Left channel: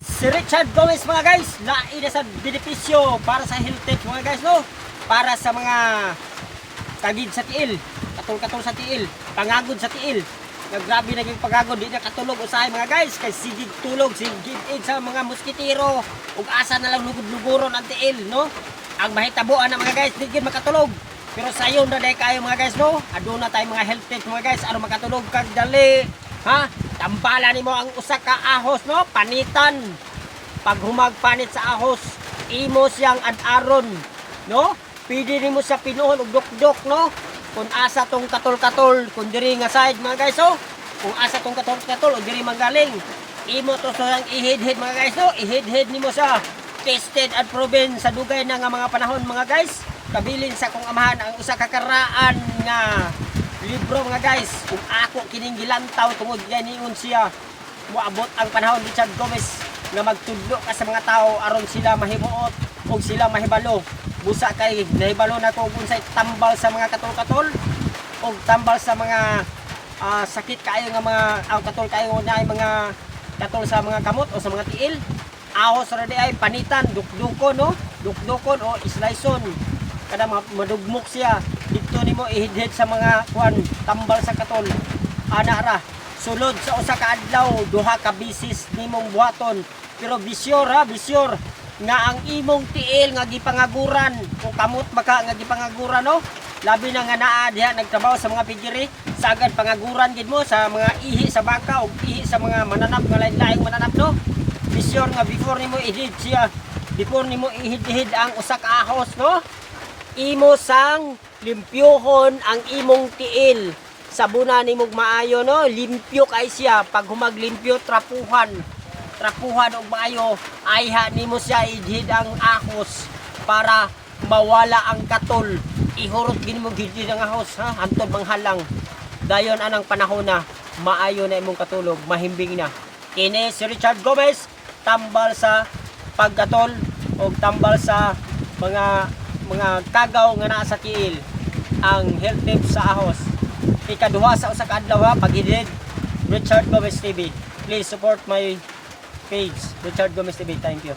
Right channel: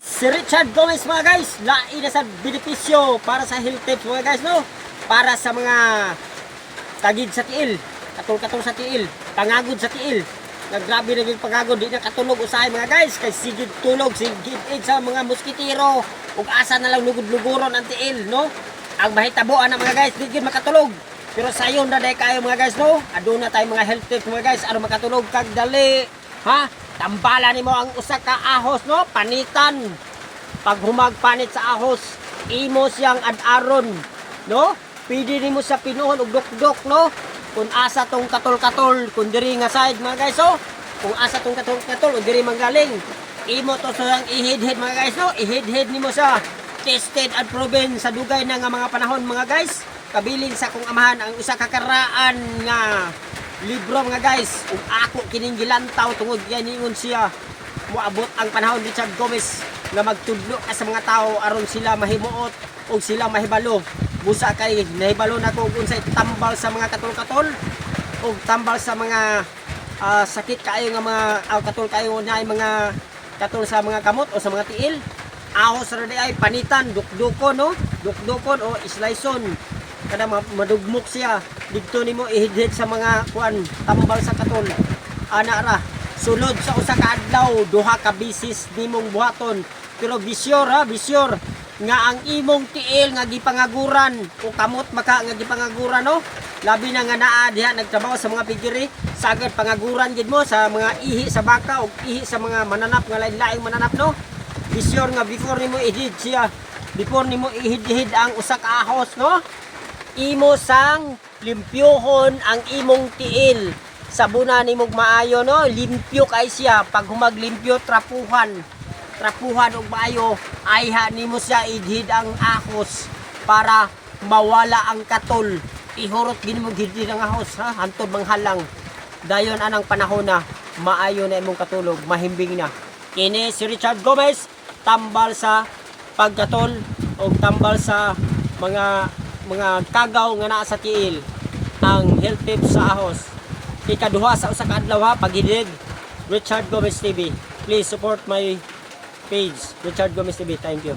Si Richard Gomez mga guys, lain sa benepisyo para sa health tips mga guys, no? Para sa mga tagid sa tiil, katol-katol sa tiil, pangagod sa tiil. Grabe naging pagagod, di na katulog usahay mga guys, kay sigid tulog, sigid sa mga moskitero, ug asa na lang lugod-luguron ang tiil, no? Ang mahitabuan na mga guys, di gid makatulog. Pero sayon na dahil kayo mga guys, no? Aduna tayo mga health tips mga guys, ano makatulog kag dali, ha? Tambala nimo ang usa ka ahos, no? Panitan. Pag humagpanit sa ahos, imo siyang ad-aron, no? Pwede nimo sa pinuhon og dukdok, no? Kung asa tong katol-katol, kung diri nga side mga guys, oh. Kung asa tong katol-katol o diri manggaling, imo to siyang ihid-hid mga guys, no? Ihid-hid nimo sa tested and proven sa dugay na nga mga panahon mga guys. Kabilin sa kong amahan ang usa ka karaan nga libro mga guys, kung ako kining gilantaw tungod ganingon siya moabot ang panahon Richard Gomez nga magtudlo ka sa mga tao aron sila mahimuot o sila mahibalo. Busa kay nahibalo na ko kung unsay tambal sa mga katol-katol o tambal sa mga sakit kayo nga mga katol kayo na ay mga katol sa mga kamot o sa mga tiil. Ahos ra di ay panitan, dukdukon, no? Dukdukon o islayson. Kada madugmok siya dito nimo ihidhid sa mga kuan tambal sa katol ana ra sulod sa usa ka adlaw duha ka bisis nimong buhaton pero bisyur nga ang imong tiil nga gipangaguran kung kamot maka nga gipangaguran, no? Labi na nga naa diha nagtrabaho sa mga pigiri sagad pangaguran gid mo sa mga ihi sa baka o ihi sa mga mananap nga lain-laing mananap, no? Bisyur nga before nimo ihid siya, before nimo ihid ang usa ka ahos, no? Imo sang limpyohon ang imong tiil. Sabunan nimog maayo, no? Limpyo kay siya. Pag humaglimpyo, trapuhan og maayo, ayha nimo siya idhid ang ahos para mawala ang katol. Ihurot gid mo gid ang ahos, ha? Hantod manghalang. Dayon anang panahon na maayo na imong katulog, mahimbing na. Kini si Richard Gomez, tambal sa pagkatol o tambal sa mga kagaw nga naa sa tiil, ang health tips sa ahos. Ikaduha sa usa ka adlaw, ha, paghidid. Richard Gomez TV. Please support my page, Richard Gomez TV. Thank you.